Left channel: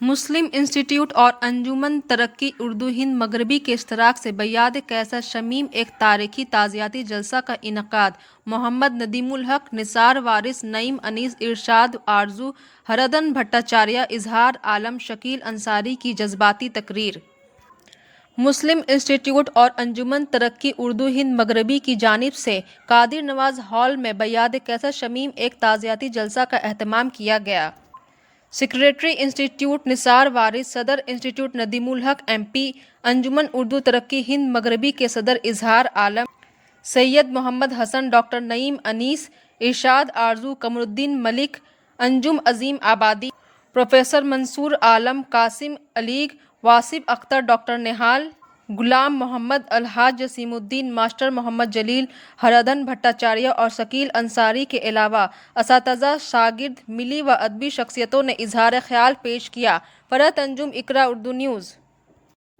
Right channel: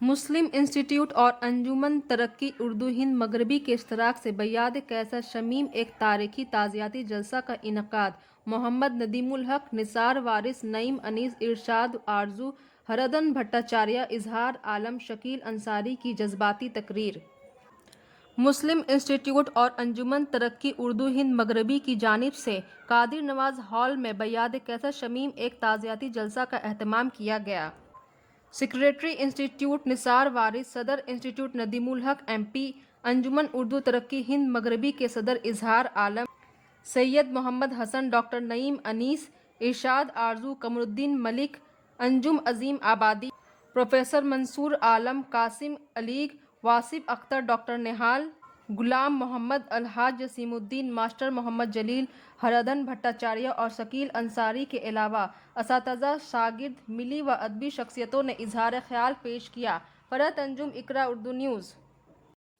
مسلم institute اور انجمن ترقی اردو ہند مغربی کے اشتراک سے بیاد قیصر شمیم ایک تاریخی تعزیتی جلسہ کا انعقاد۔ محمد ندیم الحق، نثار وارث، نعیم انیس، ارشاد آرزو، ہردن بھٹاچاریہ، اظہار عالم، شکیل انصاری کی جذباتی تقریر۔ مسلم انسٹیٹیوٹ اور انجمن ترقی اردو ہند مغربی کی جانب سے قادر نواز ہال میں بیاد قیصر شمیم ایک تعزیتی جلسہ کا اہتمام کیا گیا۔ سکریٹری انسٹیٹیوٹ نثار وارث، صدر انسٹیٹیوٹ ندیم الحق، ایم پی، انجمن اردو ترقی ہند مغربی کے صدر اظہار عالم، سید محمد حسن، ڈاکٹر نعیم انیس، ارشاد آرزو، قمر الدین ملک، انجم عظیم آبادی، پروفیسر منصور عالم، قاسم علیگ، واصف اختر، ڈاکٹر نہال، غلام محمد، الحاج جسیم الدین، ماسٹر محمد جلیل، ہردن بھٹاچاریہ اور شکیل انصاری کے علاوہ اساتذہ، شاگرد، ملی و ادبی شخصیتوں نے اظہار خیال پیش کیا۔ فرحت انجم، اقرا اردو نیوز۔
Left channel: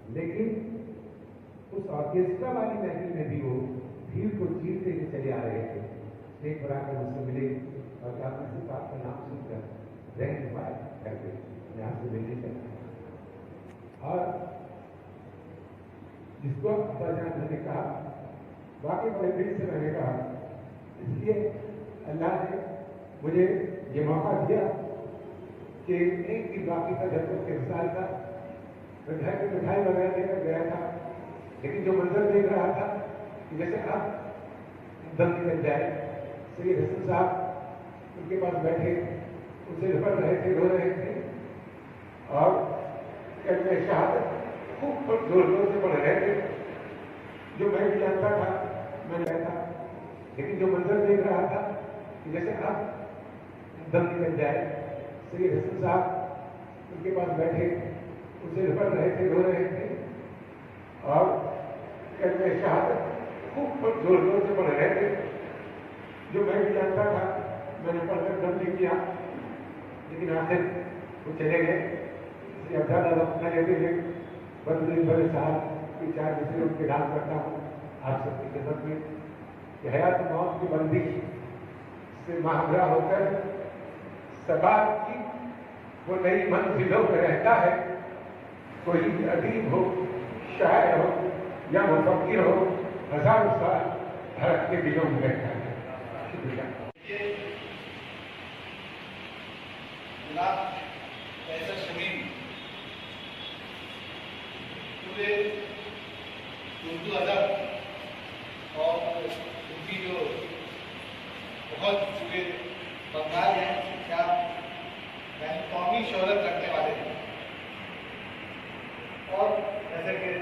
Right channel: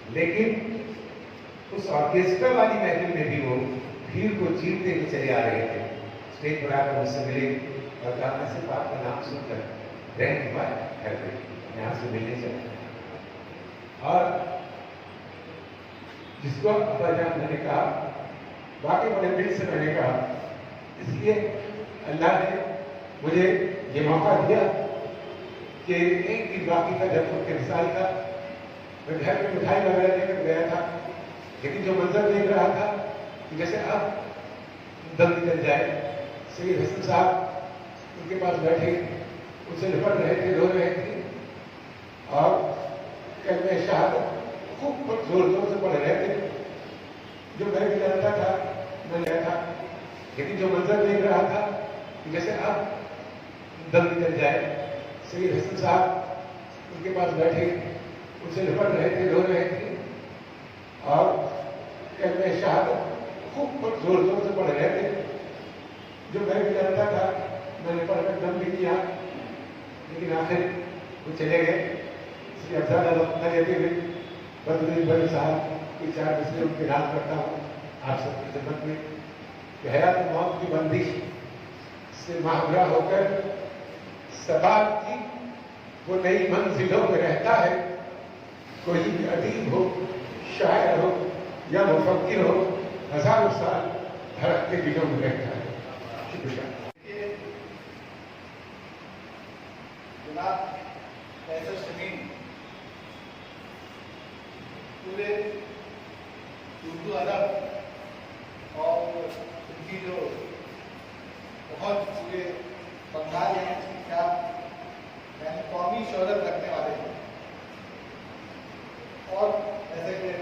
لیکن اس آرکیسٹرا والی محفل میں بھی وہ بھیڑ کو چیرتے ہوئے چلے آ رہے تھے۔ اسٹیج پر آ کر مجھ سے ملے اور کہا میں صرف آپ کا نام سن کر رہن ہوا ہے میں آپ سے ملنے چاہتا ہوں۔ اور جس کو ابا جان نے کہا واقعی بڑے دل سے میں نے کہا، اس لیے اللہ نے مجھے یہ موقع دیا کہ ایک دن باقی کا جب ان کے مثال کا میں گھر میں مٹھائی وغیرہ لے کر گیا تھا، لیکن جو منظر دیکھ رہا تھا کہ جیسے اب دم نکل جائے۔ سید حسن صاحب ان کے پاس بیٹھے، ان سے لپٹ رہے تھے، رو رہے تھے اور کلمہ شہادت خوب زور زور سے پڑھ رہے تھے، جو میں بھی جانتا تھا، میں گیا تھا، لیکن جو منظر دیکھ رہا تھا کہ جیسے اب دم نکل جائے۔ سید حسن صاحب ان کے پاس بیٹھے، ان سے لپٹ رہے تھے، رو رہے تھے اور کلمہ شہادت خوب زور زور سے پڑھ رہے تھے، جو میں بھی جانتا تھا، میں نے پڑھ کر دم بھی کیا، لیکن آخر وہ چلے گئے۔ اس لیے زیادہ وقت نہ لیتے ہوئے بدر بڑے صاحب کی 4 مصروں کی اعلان کرتا ہوں آپ سب کی خدمت میں کہ حیات موت کی بندش سے مہنگا ہو کر سباب کی وہ نئی منزلوں میں رہتا ہے۔ کوئی بھی ادیب ہو، شاعر ہو یا مفکر ہو، ہزاروں سال دھڑک کے دلوں میں رہتا ہے۔ شکریہ۔ جناب قیصر شمیم پورے اردو ادب اور ان کی جو بہت پورے بنگال ہیں کیا یعنی قومی شہرت رکھنے والے ہیں، اور جیسے کہ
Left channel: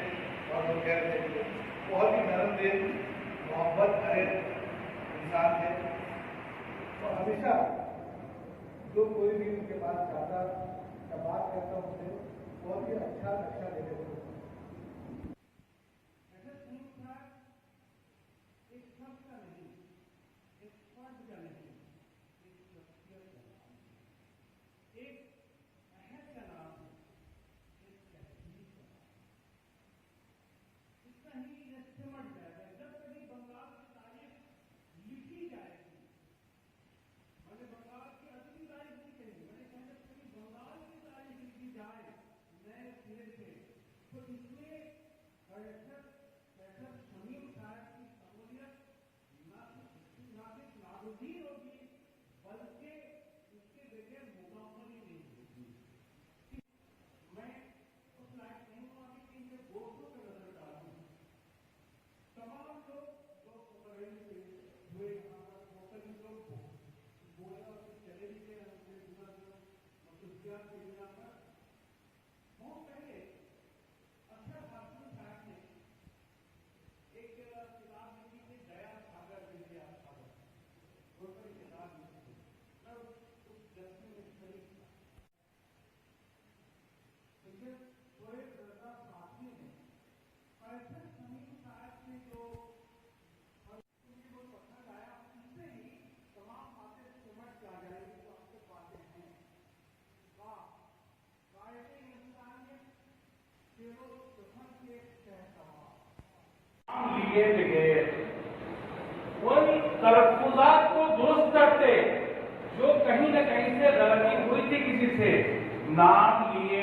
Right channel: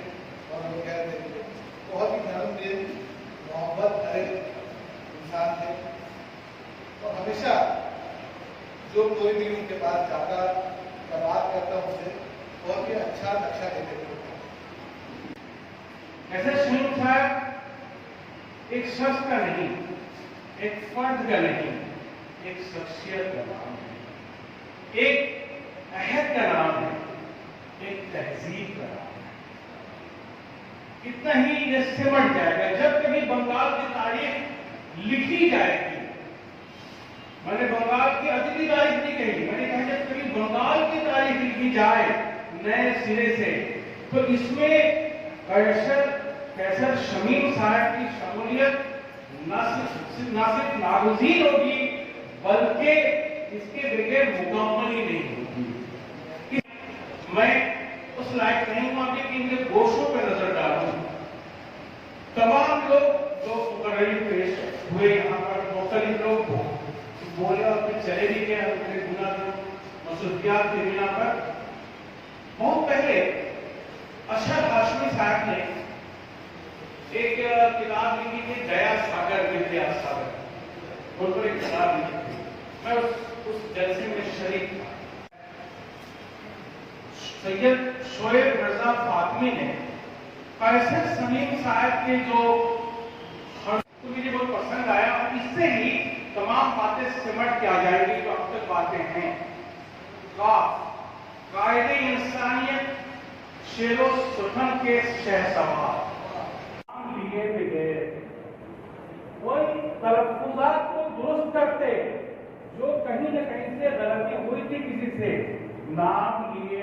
لوگ کہہ رہے تھے بہت ہی نرم دل، محبت بھرے انسان تھے، اور ہمیشہ جو کوئی بھی ان کے پاس جاتا یا بات کرتا ان سے بہت ہی اچھا نقشہ دیتے تھے۔ قیصر شمیم صاحب ایک شخص کا نہیں، ایک فرد کا نہیں، ایک شخصیت کا نام ہے، ایک عہد کا نام ہے، ایک تہذیب کا نام ہے۔ اتنا ہی یہ سمٹ جائے گا جب کبھی بنگال کی تاریخ لکھی جائے گی۔ میں نے بنگال کی ادبی تاریخ نہیں کہی، میں نے کہا جب کبھی بنگال کی تاریخ لکھی جائے نئے سرے سے تو اس میں قیصر شمیم صاحب کی شمولیت نہ صرف ناگزیر ہوگی بلکہ اس کے بغیر مکمل ہی نہیں ہوگی۔ میں اس لائق نہیں ہوں کہ ان کے گوشوں پہ نظر ڈالوں۔ تمام لوگ جو مقرری پیش ہوئے یہاں پر مختلف لوگ بولے اور پھر چلے بھی گئے اپنے گناہ مصروفیات کی بنا پر۔ بہت پہلے اشرف ہاشمی صاحب نے ایک کتاب لکھی تھی، دیا ساگر ودیا ساگر، ان پر ایک کتاب لکھی تھی، میں اس جلسے میں شریک تھا۔ سید شعیب رضا فاطمی نے قیصر شمیم صاحب کے جو مجھے بہت پسند آیا، اور اس سے ہی تمام باتیں سمٹ کے آ جائیں گی جو اب تک باتیں ہیں۔ قائد انسانیت، شیر و سخن کے شہسوار، لیے بغیر ان تلفظات کو درست کرتے جو کہیں نہ کہیں سے غلطی ہوئی تھی کسی سے، نام لیے